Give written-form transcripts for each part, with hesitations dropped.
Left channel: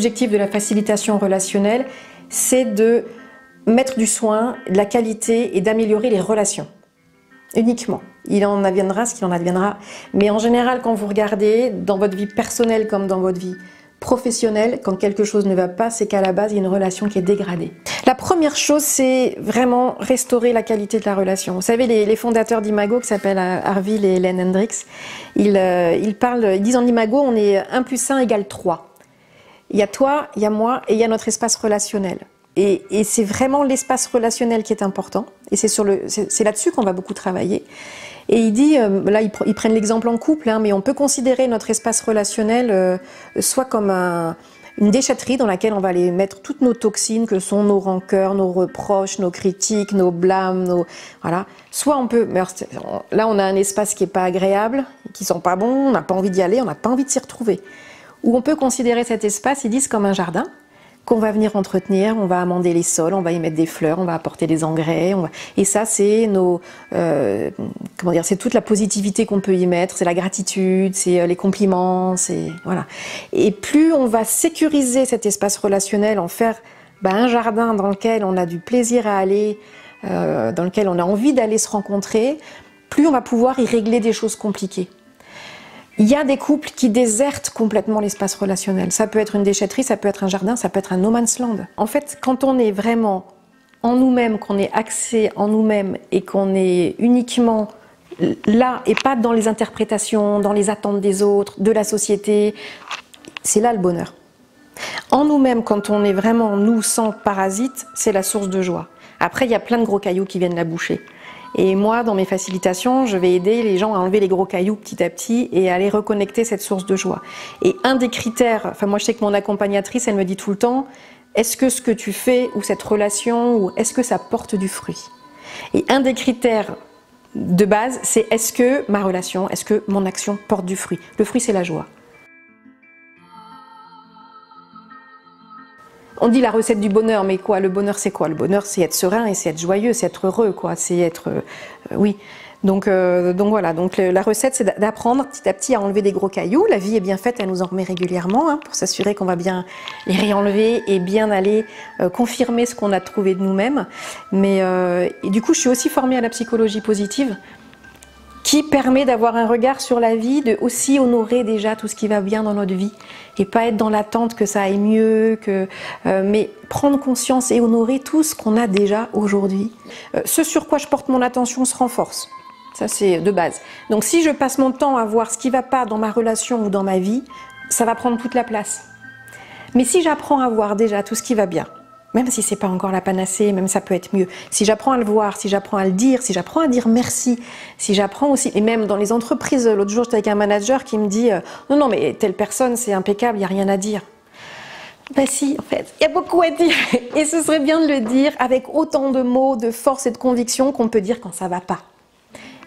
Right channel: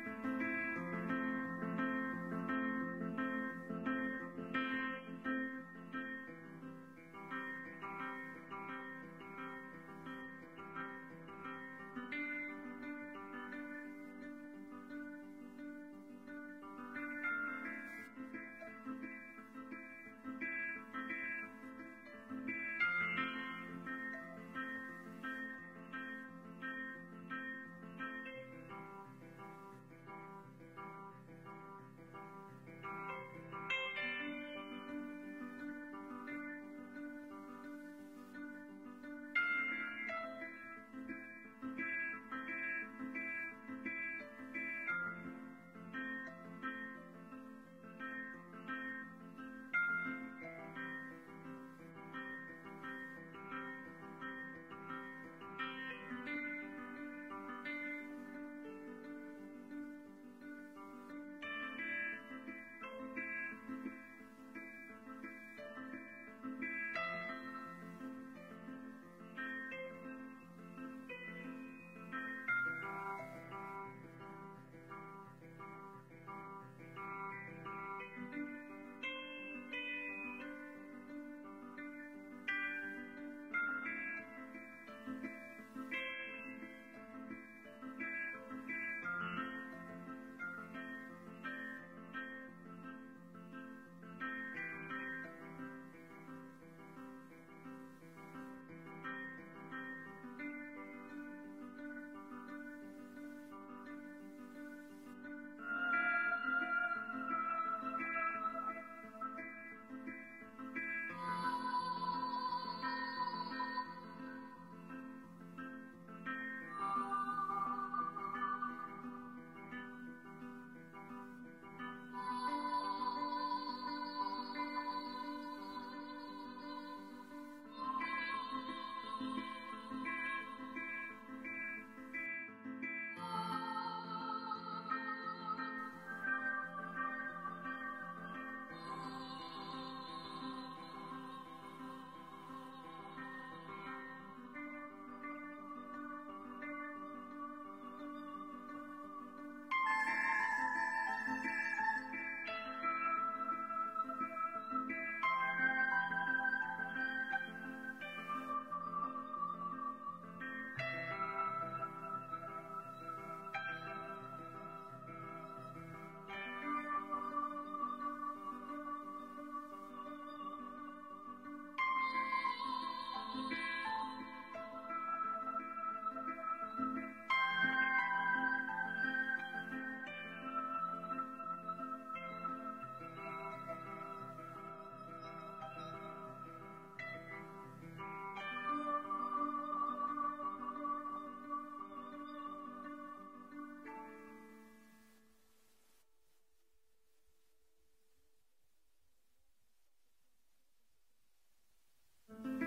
L'objectif de la facilitation relationnelle, c'est de mettre du soin, de la qualité et d'améliorer les relations. Uniquement. Il en adviendra ce qu'il en adviendra. Mais en général, quand vous regardez, dans votre vie personnelle comme dans votre vie professionnelle, quand quelque chose ne va pas, c'est qu'à la base, il y a une relation qui est dégradée. La première chose, c'est vraiment restaurer la qualité de la relation. Vous savez, les fondateurs d'Imago, qui s'appellent Harville et Helen Hendricks, ils disent en Imago, on est 1 + 1 = 3. Il y a toi, il y a moi et il y a notre espace relationnel. Et c'est vraiment l'espace relationnel qui est important. Et c'est là-dessus qu'on va beaucoup travailler. Et il dit, là ils prennent l'exemple en couple, hein, mais on peut considérer notre espace relationnel soit comme une déchetterie dans laquelle on va aller mettre toutes nos toxines, que sont nos rancœurs, nos reproches, nos critiques, nos blâmes, voilà. Soit on peut, là on a un espace qui n'est pas agréable, qui sent pas bon, on n'a pas envie d'y aller, on n'a pas envie de s'y retrouver. Ou on peut considérer cet espace, ils disent, comme un jardin qu'on va venir entretenir, on va amender les sols, on va y mettre des fleurs, on va apporter des engrais, et ça c'est c'est toute la positivité qu'on peut y mettre, c'est la gratitude, c'est les compliments, c'est voilà. Et plus on va sécuriser cet espace relationnel, en faire un jardin dans lequel on a du plaisir à aller, dans lequel on a envie d'aller se rencontrer, plus on va pouvoir y régler des choses compliquées. Il y a des couples qui désertent complètement l'espace relationnel. Ça peut être une déchetterie, ça peut être un jardin, ça peut être un no man's land. En fait, quand on est vraiment en nous-mêmes, qu'on est axé en nous-mêmes et qu'on est uniquement là et pas dans les interprétations, dans les attentes des autres, de la société, c'est là le bonheur. En nous-mêmes, quand on est vraiment nous, sans parasite, c'est la source de joie. Après, il y a plein de gros cailloux qui viennent la boucher. Et moi, dans mes facilitations, je vais aider les gens à enlever les gros cailloux petit à petit et à aller reconnecter cette source de joie. Et un des critères, enfin moi je sais que mon accompagnatrice, elle me dit tout le temps, est-ce que ce que tu fais ou cette relation, ou est-ce que ça porte du fruit? Et un des critères de base, c'est est-ce que ma relation, est-ce que mon action porte du fruit? Le fruit, c'est la joie. On dit la recette du bonheur, mais quoi? Le bonheur, c'est quoi? Le bonheur, c'est être serein et c'est être joyeux, c'est être heureux, quoi. C'est être... oui. Donc voilà, donc la recette, c'est d'apprendre petit à petit à enlever des gros cailloux. La vie est bien faite, elle nous en remet régulièrement, hein, pour s'assurer qu'on va bien les réenlever et bien aller confirmer ce qu'on a trouvé de nous-mêmes. Mais et du coup, je suis aussi formée à la psychologie positive, qui permet d'avoir un regard sur la vie, de aussi honorer déjà tout ce qui va bien dans notre vie et pas être dans l'attente que ça aille mieux, mais prendre conscience et honorer tout ce qu'on a déjà aujourd'hui. Ce sur quoi je porte mon attention se renforce, ça c'est de base. Donc si je passe mon temps à voir ce qui ne va pas dans ma relation ou dans ma vie, ça va prendre toute la place. Mais si j'apprends à voir déjà tout ce qui va bien, même si ce n'est pas encore la panacée, même ça peut être mieux. Si j'apprends à le voir, si j'apprends à le dire, si j'apprends à dire merci, si j'apprends aussi, et même dans les entreprises, l'autre jour j'étais avec un manager qui me dit non mais telle personne c'est impeccable, il n'y a rien à dire. Ben si, en fait, il y a beaucoup à dire. Et ce serait bien de le dire avec autant de mots, de force et de conviction qu'on peut dire quand ça ne va pas.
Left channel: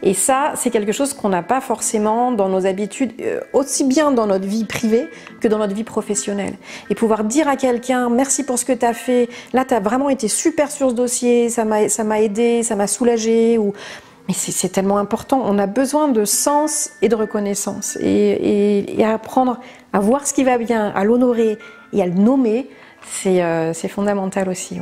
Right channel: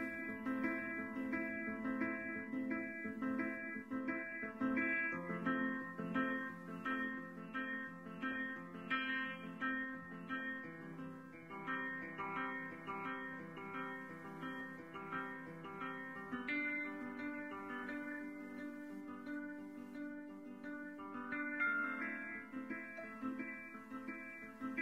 Et ça, c'est quelque chose qu'on n'a pas forcément dans nos habitudes, aussi bien dans notre vie privée que dans notre vie professionnelle. Et pouvoir dire à quelqu'un, merci pour ce que tu as fait, là tu as vraiment été super sur ce dossier, ça m'a aidé, ça m'a soulagé, mais c'est tellement important, on a besoin de sens et de reconnaissance. Et apprendre à voir ce qui va bien, à l'honorer et à le nommer, c'est fondamental aussi. Ouais.